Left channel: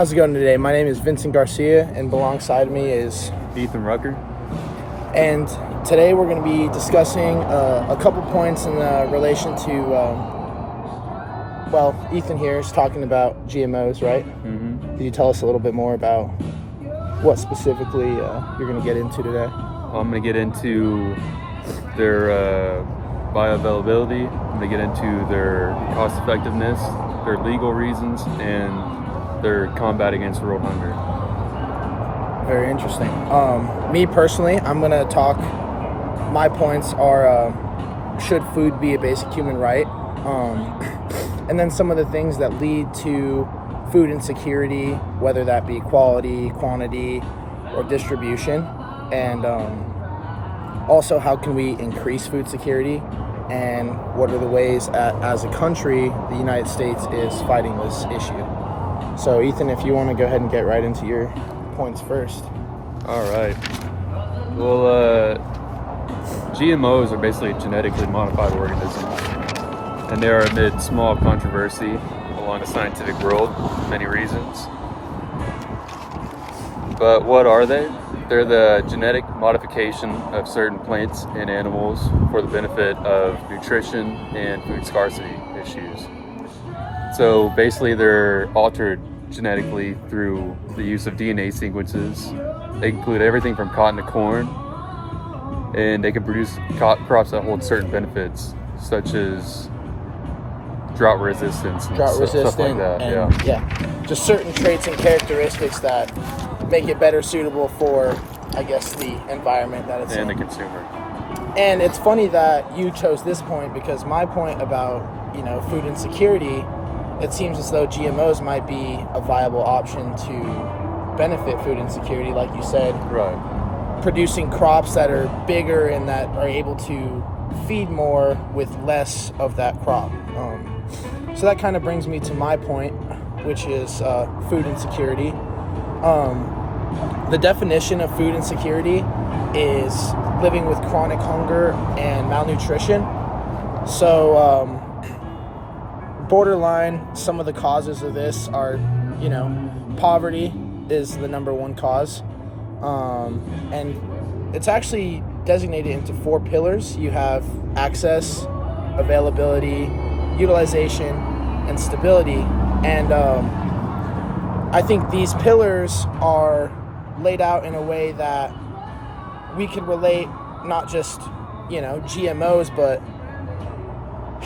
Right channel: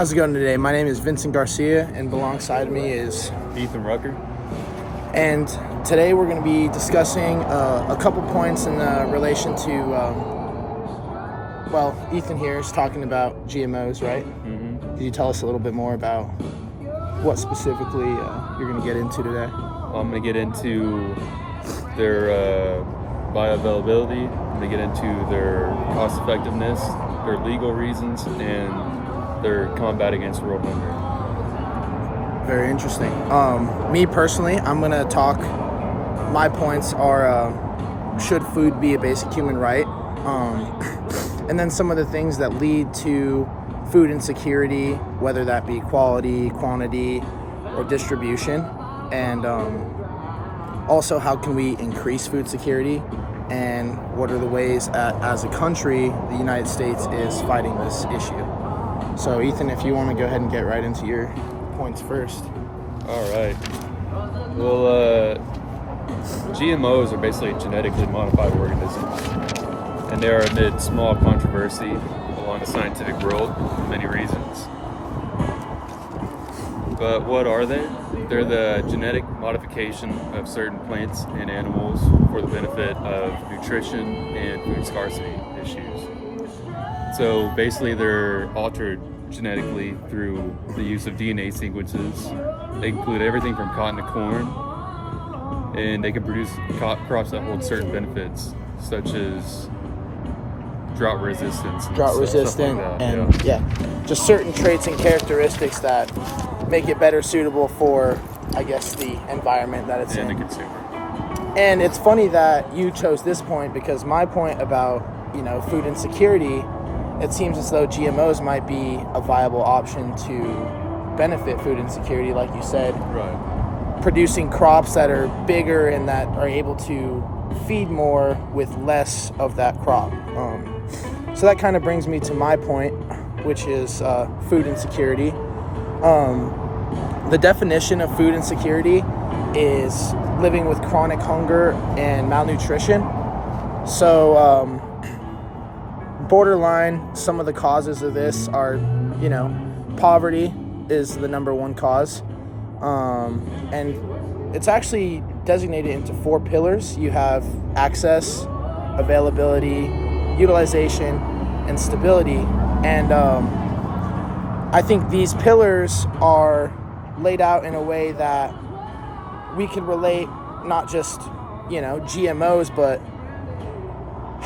How's it going today? My name is Vincent Garcia, and alongside me is Ethan Rucker. And today we're going to be discussing a couple points in relation to, Ethan here is talking about GMOs, right? Mm-hmm. Could you tell us a little bit more about what specifically you're going to get into today? Well, I'm going to get into their bioavailability. I'm going to get into their cost effectiveness, their legal reasons, and their combat against world hunger. Very interesting. Me personally, I'm going to talk, my points are, should food be a basic human right? And then some of the things that lead to food insecurity, whether that be quality, quantity, or distribution. And also, how can we increase food security? And what are the ways, as a country, the United States is fighting this issue? So, Ethan, if you want to go ahead and get right into your points first. All right. Well, GMOs are basically genetically modified organisms, and they are amid small controversy along the scientific world for many reasons. But what are they? They're the genetic modification of certain plants and animals for the benefit of nutrition and food scarcity issues. So basically they're altered genetically through the use of DNA sequences. They include everything from cotton to corn, and they can produce crops that hold certain benefits, such as drought resistance and stuff like that. And just certain traits and characteristics that make it better suitable for, I guess, the environment that it's in. And the consumer. And it's funny that you chose this point, because my point about, food insecurity, it seems as though GMOs might be a viable option to benefit food insecurity, like you said. Right. Producing crops that are bigger and that are able to feed more with less of that crop. So that kind of brings me to my point, which is food insecurity. The definition of food insecurity is living with chronic hunger and malnutrition. So, borderline, some of the causes of this are, poverty is the number one cause. And it's actually designated into 4 pillars. You have access, availability, utilization, and stability. And I think these pillars are laid out in a way that we can relate not just, GMOs, but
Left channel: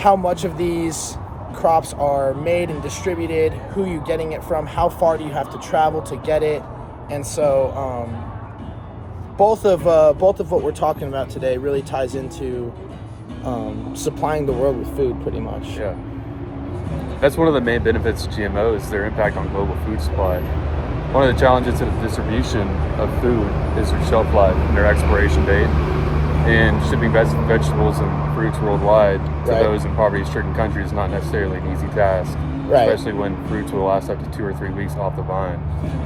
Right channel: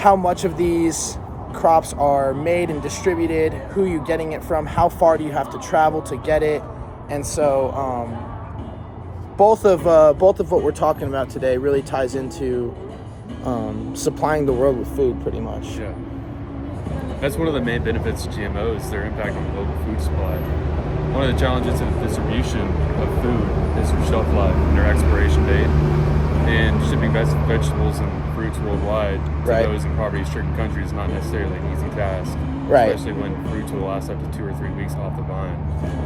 how much of these crops are made and distributed, who you're getting it from, how far do you have to travel to get it. And so both of what we're talking about today really ties into supplying the world with food, pretty much. Yeah. That's one of the main benefits of GMOs, their impact on global food supply. One of the challenges of distribution of food is their shelf life and their expiration date, and shipping vegetables and fruits worldwide to those in poverty-stricken countries is not necessarily an easy task, especially when fruits will last up to 2 or 3 weeks off the vine.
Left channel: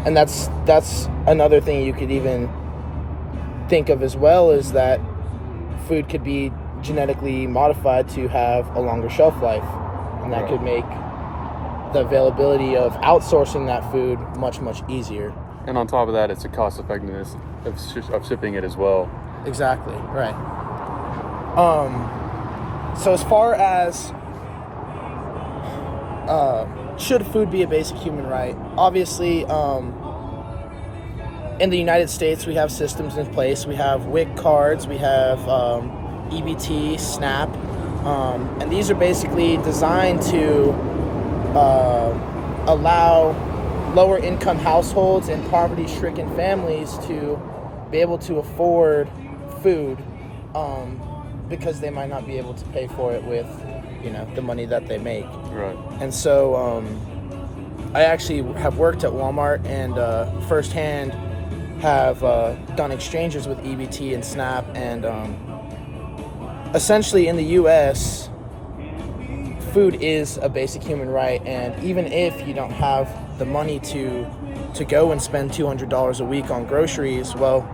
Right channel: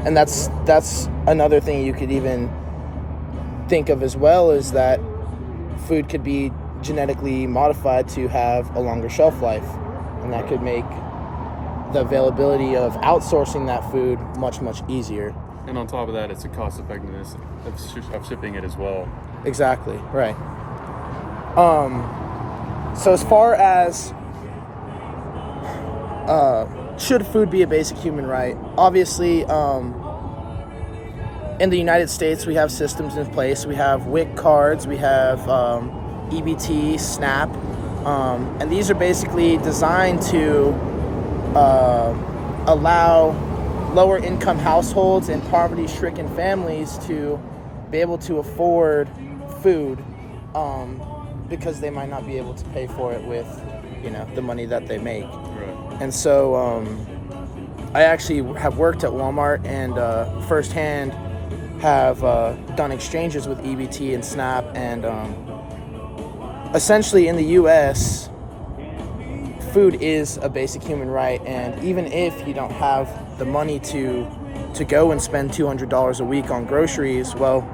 And that's another thing you could even think of as well, is that food could be genetically modified to have a longer shelf life, and that could make the availability of outsourcing that food much, much easier. And on top of that, it's the cost effectiveness of shipping it as well. Exactly, right. So as far as should food be a basic human right, obviously in the United States we have systems in place. We have WIC cards, we have EBT, SNAP, and these are basically designed to allow lower income households and poverty-stricken families to be able to afford food, because they might not be able to pay for it with, the money that they make. Right. And so I actually have worked at Walmart and firsthand have done exchanges with EBT and SNAP, and essentially in the U.S., food is a basic human right, and even if you don't have the money to go and spend $200 a week on groceries, well,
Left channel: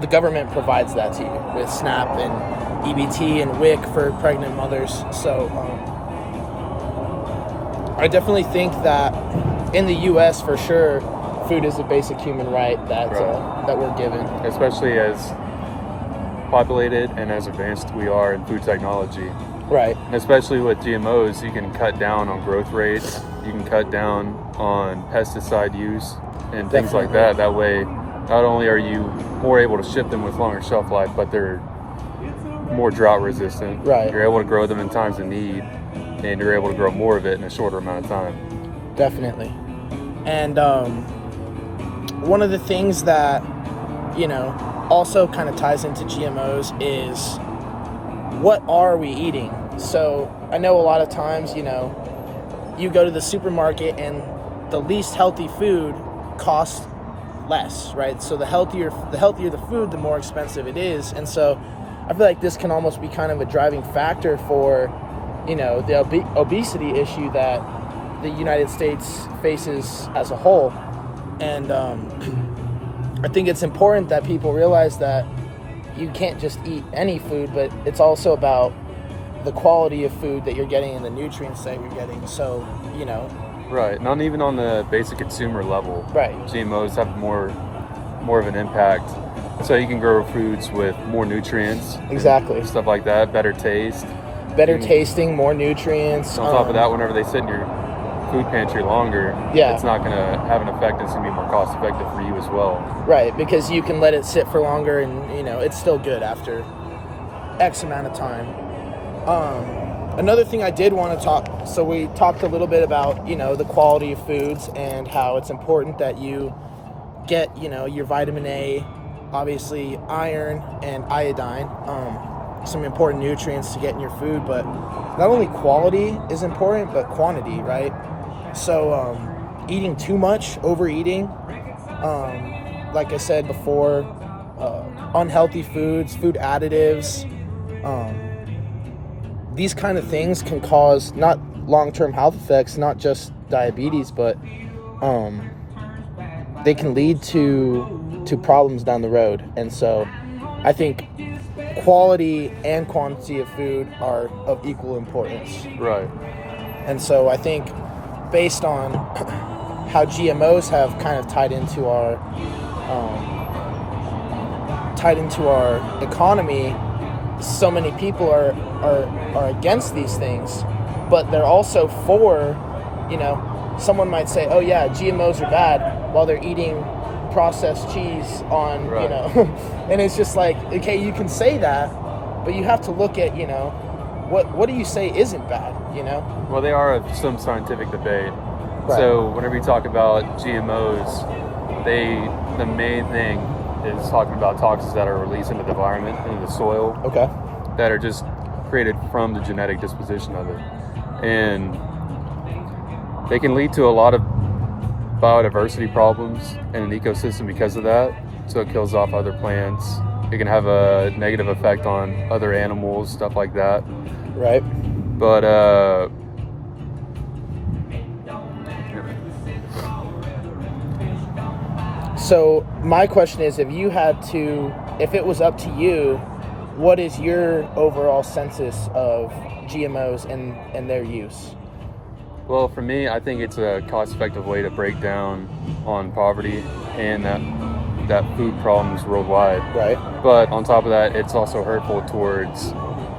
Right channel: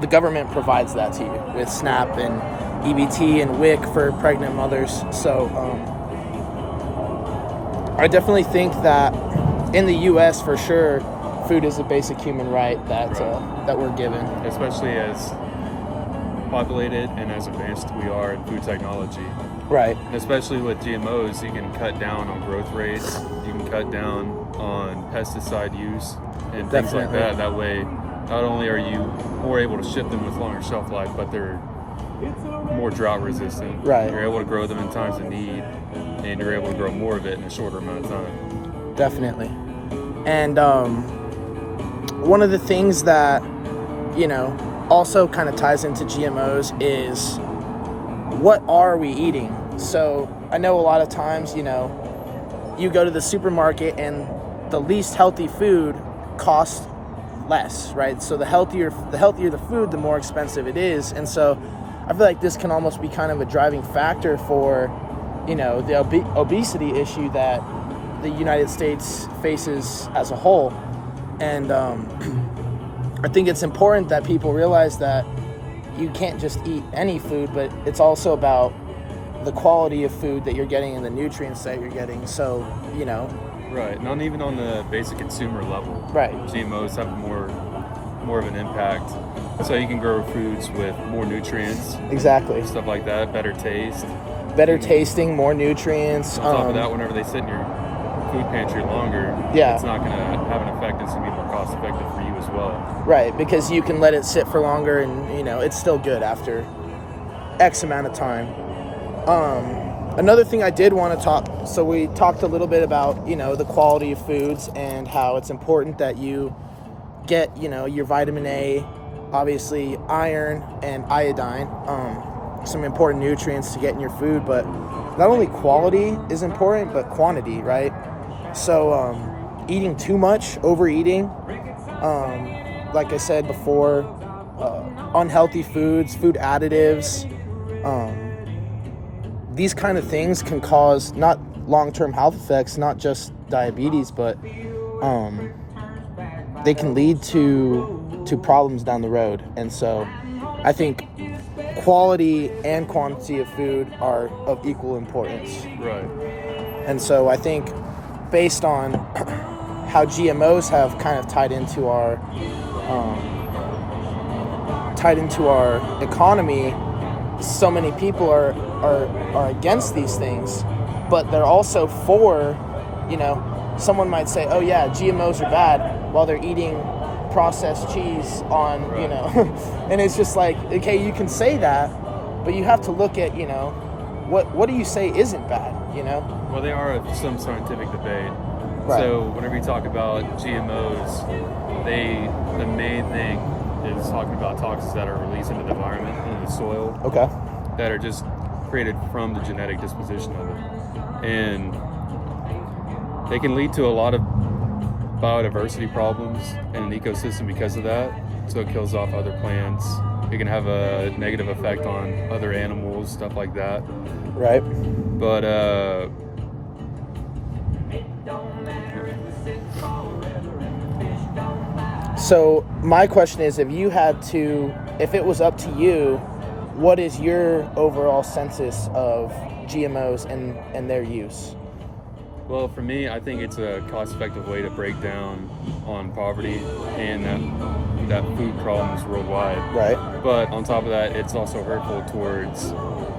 the government provides that to you with SNAP and EBT and WIC for pregnant mothers. So I definitely think that in the U.S. for sure, food is a basic human right that we're given. Especially as populated and as advanced we are in food technology. Right. And especially with GMOs, you can cut down on growth rates, you can cut down on pesticide use and things like that. That way, not only are you more able to ship them with longer shelf life, but they're more drought resistant. Right. You're able to grow them in times of need, and you're able to grow more of it in a shorter amount of time. Definitely. And one of the things that, also kind of ties into GMOs is what are we eating? So I know a lot of times, you go to the supermarket and the least healthy food costs less, right? So the healthier the food, the more expensive it is. And so I feel like this can almost be kind of a driving factor for, the obesity issue that the United States faces as a whole. And I think it's important that people realize that you can't just eat any food, but it's also about the quality of food that you're getting and the nutrients that you're getting. So, Right. Not even on the basic consumer level. Right. GMOs have more of an impact. So you can grow foods with more nutrients. Exactly. Stuff like that. Better taste. Better tasting, more nutrients. So on top of that, whenever they sit in your food pantry longer, it's not going to have an effect. It's going to be more cost effective for you as well. Right, because you can let it sit for longer and, it's still good after X amount of time. Another thing I did want to talk, so we talked a little bit about, the quality of foods and how it's important that you get, your vitamin A, obviously iron and iodine, some important nutrients to get in your food, but not only quality is important, but quantity, right? So eating too much, overeating, like I said before, unhealthy foods, food additives, these kind of things can cause not long-term health effects, not just diabetes, but they can lead to problems down the road. And so I think quality and quantity of food are of equal importance. Right. And so I think based on how GMOs have kind of tied into our economy, so many people are against these things, but they're also for, someone might say, oh yeah, GMOs are bad, while they're eating processed cheese on, right. And it's just like, okay, you can say that, but you have to look at, what do you say isn't bad, Well, they are some scientific debate. Right. So whenever you talk about GMOs, the main thing is talking about toxins that are released into the environment, into the soil. Okay. That are just created from the genetic disposition of it. And they can lead to a lot of biodiversity problems in an ecosystem because of that. So it kills off other plants. It can have a negative effect on other animals, stuff like that. Right. But so my question is, if it was up to you, what is your overall census of GMOs and their use? Well, for me, I think it's a cost-effective way to break down on poverty and that food problems worldwide. Right. But on top of that, it's also hurtful towards,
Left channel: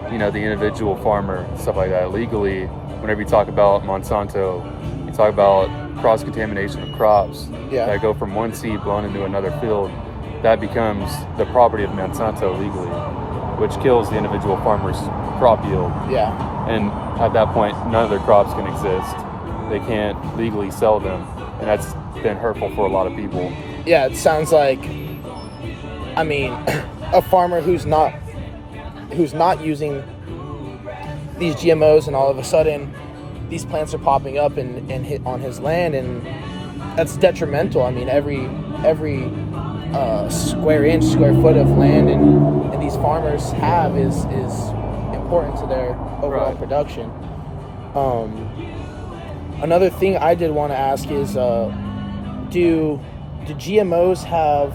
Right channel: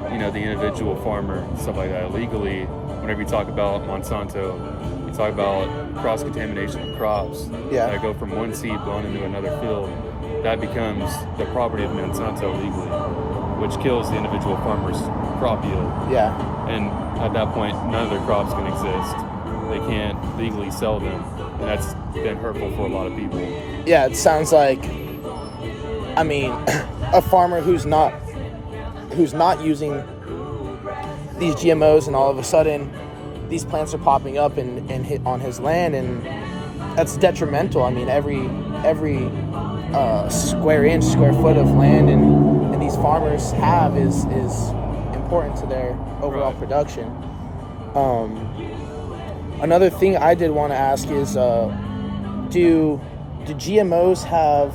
the individual farmer, stuff like that. Legally, whenever you talk about Monsanto, you talk about cross-contamination of crops that go from one seed blown into another field. That becomes the property of Monsanto legally, which kills the individual farmer's crop yield. Yeah. And at that point, none of their crops can exist. They can't legally sell them, and that's been hurtful for a lot of people. Yeah, it sounds like, a farmer who's not using these GMOs, and all of a sudden these plants are popping up and on his land, and that's detrimental. Every square foot of land and these farmers have is important to their overall production. Another thing I did want to ask is, do GMOs have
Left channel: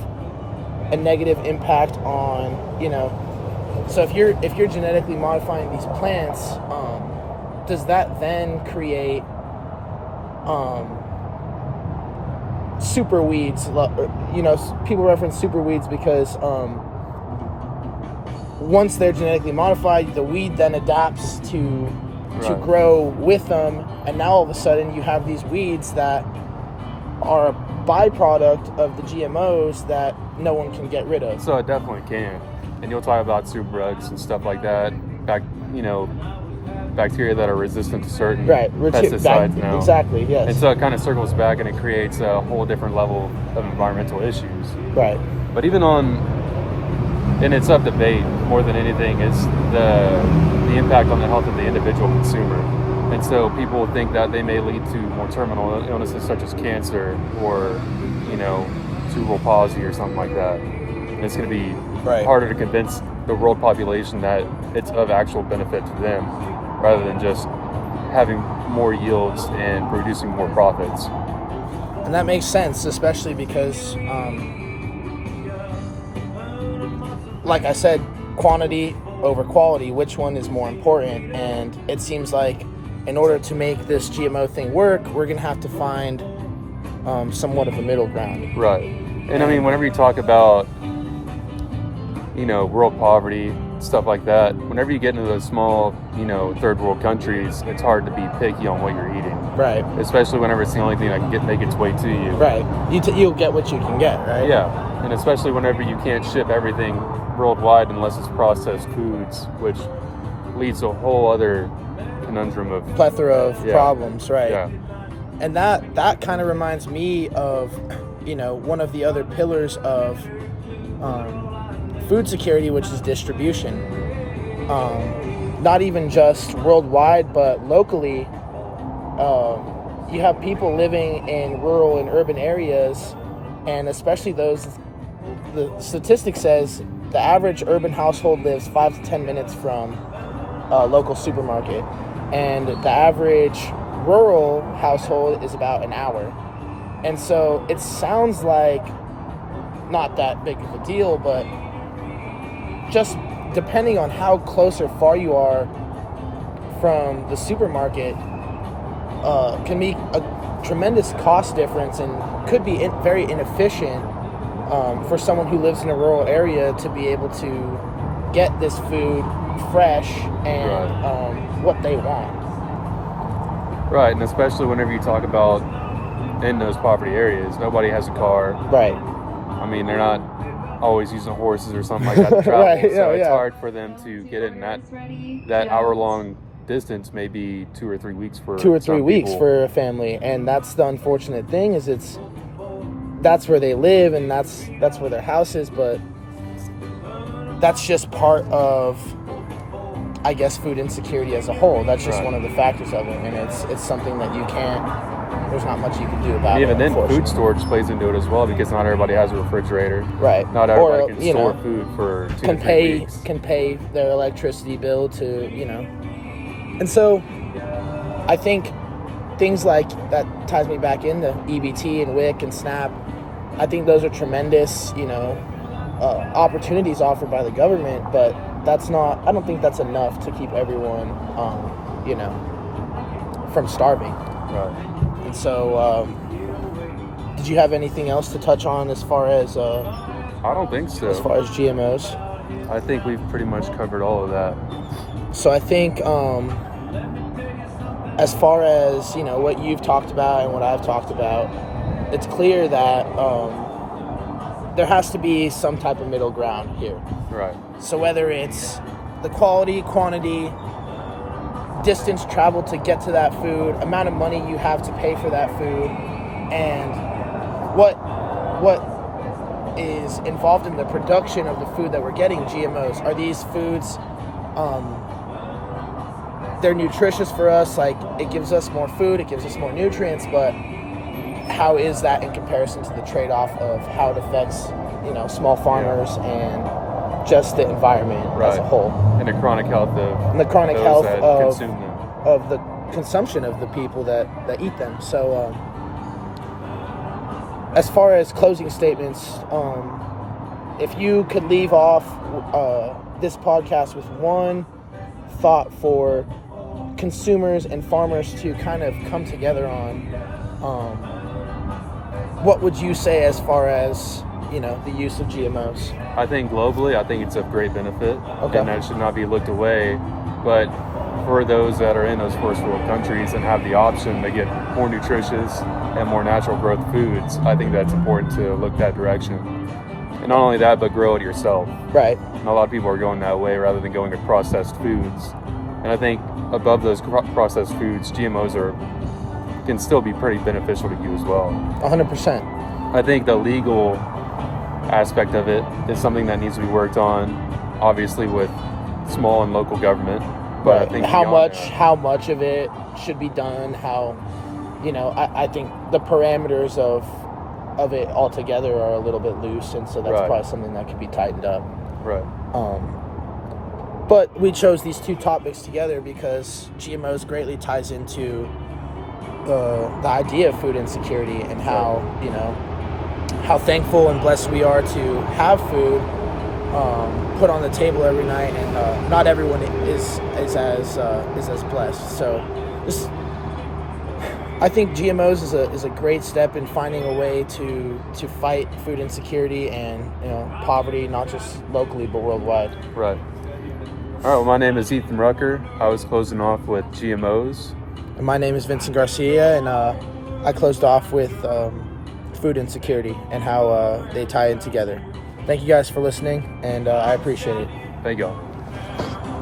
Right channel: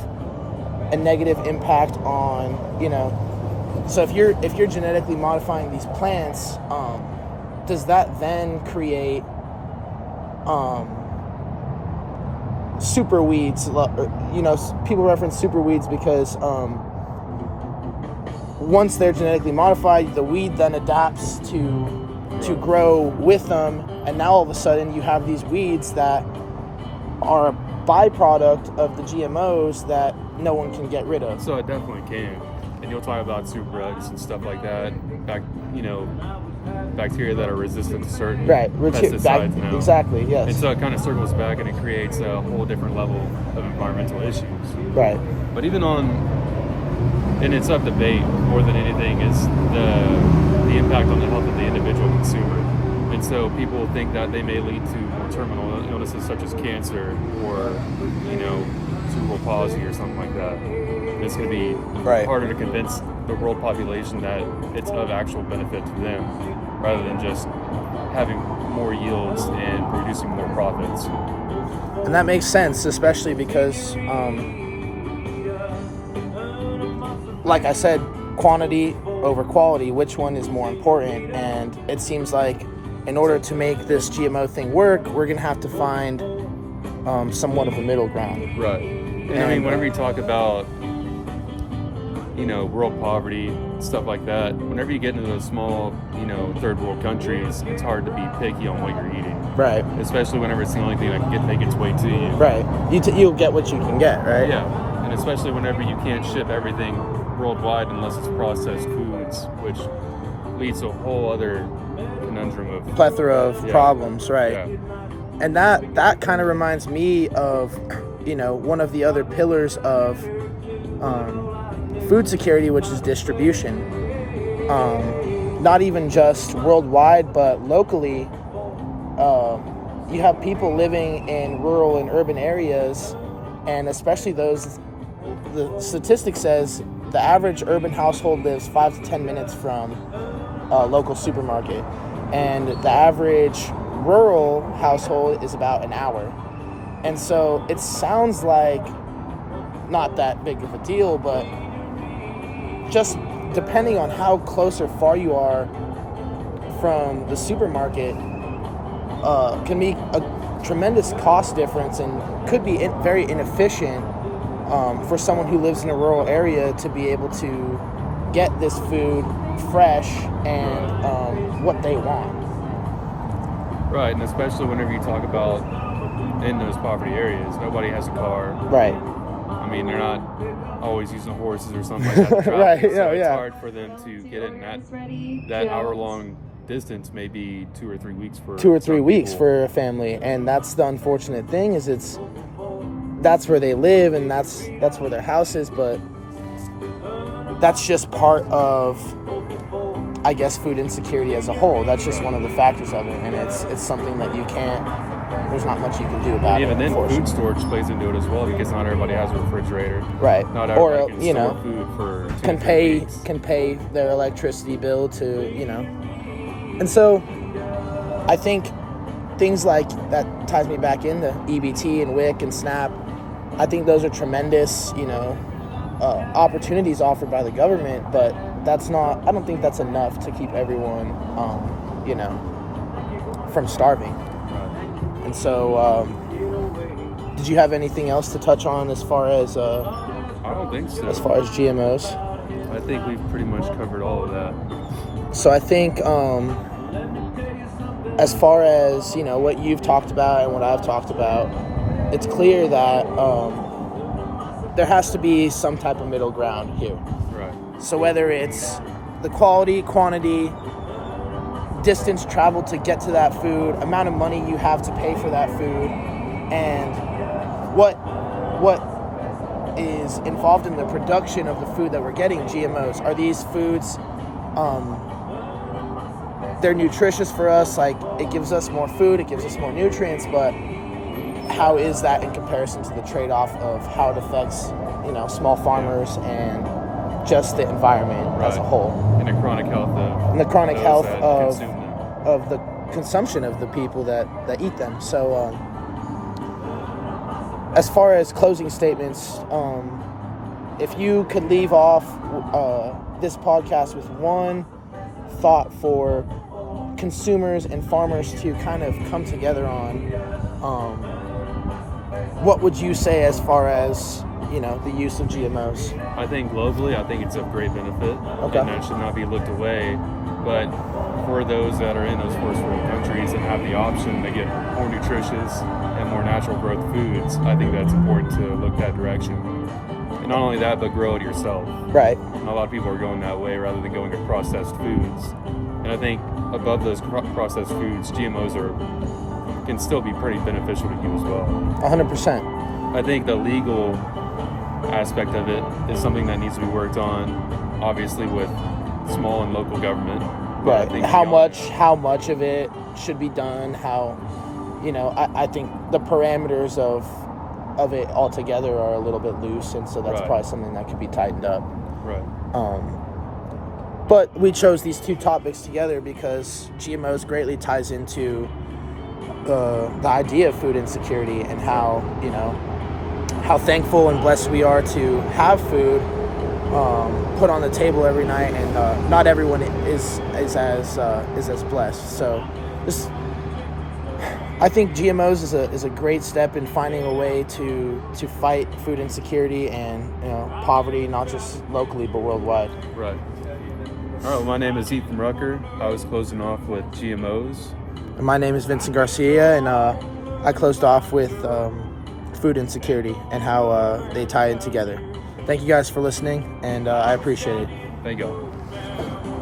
a negative impact on, so if you're genetically modifying these plants, does that then create super weeds. People reference super weeds because once they're genetically modified, the weed then adapts to grow with them, and now all of a sudden you have these weeds that are a byproduct of the GMOs that no one can get rid of. So it definitely can. And you'll talk about superbugs and stuff like that. Bacteria that are resistant to certain pesticides now. Exactly, yes. And so it kind of circles back and it creates a whole different level of environmental issues. Right. But even and it's up debate more than anything, is the impact on the health of the individual consumer. And so people think that they may lead to more terminal illnesses such as cancer or, cerebral palsy or something like that. And it's going to be harder to convince the world population that it's of actual benefit to them, rather than just having more yields and producing more profits. And that makes sense, especially because, like I said, quantity over quality, which one is more important? And it seems like in order to make this GMO thing work, we're going to have to find somewhat of a middle ground. Right. And I mean, whenever you talk about, world poverty, stuff like that, whenever you get into those small, third world countries, it's hard to be picky on what you're eating. Right. Especially whenever it's the only thing that can make its way to you. Right. You'll get what you can get, right? Yeah. And especially whenever you can't ship everything worldwide unless it's processed foods, which leads to a whole other conundrum of plethora of problems, right? Yeah. And that kind of reminds me of, one of the other pillars of food security, which is distribution. Not even just worldwide, but locally. You have people living in rural and urban areas, and especially those, the statistic says the average urban household lives 5 to 10 minutes from a local supermarket, and the average rural household is about an hour. And so it sounds like not that big of a deal, but just depending on how close or far you are from the supermarket, can be a tremendous cost difference and could be very inefficient for someone who lives in a rural area to be able to get this food fresh and what they want. Right, and especially whenever you talk about in those poverty areas, nobody has a car. Right. I mean, they're not always using horses or something like that to travel. Right, so it's hard for them to get it in that hour-long distance, maybe 2 or 3 weeks for 2 or 3 weeks people. For a family. And that's the unfortunate thing, is that's where they live and that's where their house is, but that's just part of, I guess, food insecurity as a whole. That's just one of the factors of it, and it's something that there's not much you can do about it. Even then, food storage plays into it as well, because not everybody has a refrigerator. Right. Not everybody can store food for 2 can to 3 pay weeks. Can pay their electricity bill to, And so I think things like that ties me back into EBT and WIC and SNAP. I think those are tremendous, opportunities offered by the government, but I don't think that's enough to keep everyone, from starving. Right. And so, did you have anything else to touch on as far as, I don't think so. as far as GMOs? I think we've pretty much covered all of that. So I think, as far as, what you've talked about and what I've talked about, it's clear that there has to be some type of middle ground here. Right. So whether it's the quality, quantity, distance traveled to get to that food, amount of money you have to pay for that food, and what is involved in the production of the food that we're getting, GMOs. Are these foods, they're nutritious for us, like it gives us more food, it gives us more nutrients, but how is that in comparison to the trade-off of how it affects, small farmers and just the environment as a whole? And the chronic health of the consumption of the people that eat them. So as far as closing statements, if you could leave off this podcast with one thought for consumers and farmers to kind of come together on, what would you say as far as, you know, the use of GMOs? I think globally, I think it's of great benefit, Okay. and that should not be looked away. But for those that are in those first world countries and have the option to get more nutritious and more natural growth foods, I think that's important to look that direction. And not only that, but grow it yourself. Right. And a lot of people are going that way rather than going to processed foods. And I think above those processed foods, GMOs can still be pretty beneficial to you as well. 100%. I think the legal aspect of it is something that needs to be worked on, obviously with small and local government. But I Right. think How much of it should be done? How, you know, I think the parameters of it altogether are a little bit loose, and so that's Right. probably something that could be tightened up. Right. But we chose these two topics together because GMOs greatly ties into the idea of food insecurity and how, you know, how thankful and blessed we are to have food put on the table every night, and not everyone is as blessed. So this, I think GMOs is a great step in finding a way to fight food insecurity and, you know, poverty, not just locally but worldwide. Right. All right. Well, my name is Ethan Rucker. I was closing off with GMOs. And my name is Vincent Garcia, and I closed off with food insecurity and how they tie in together. Thank you guys for listening, and I appreciate it. Thank you.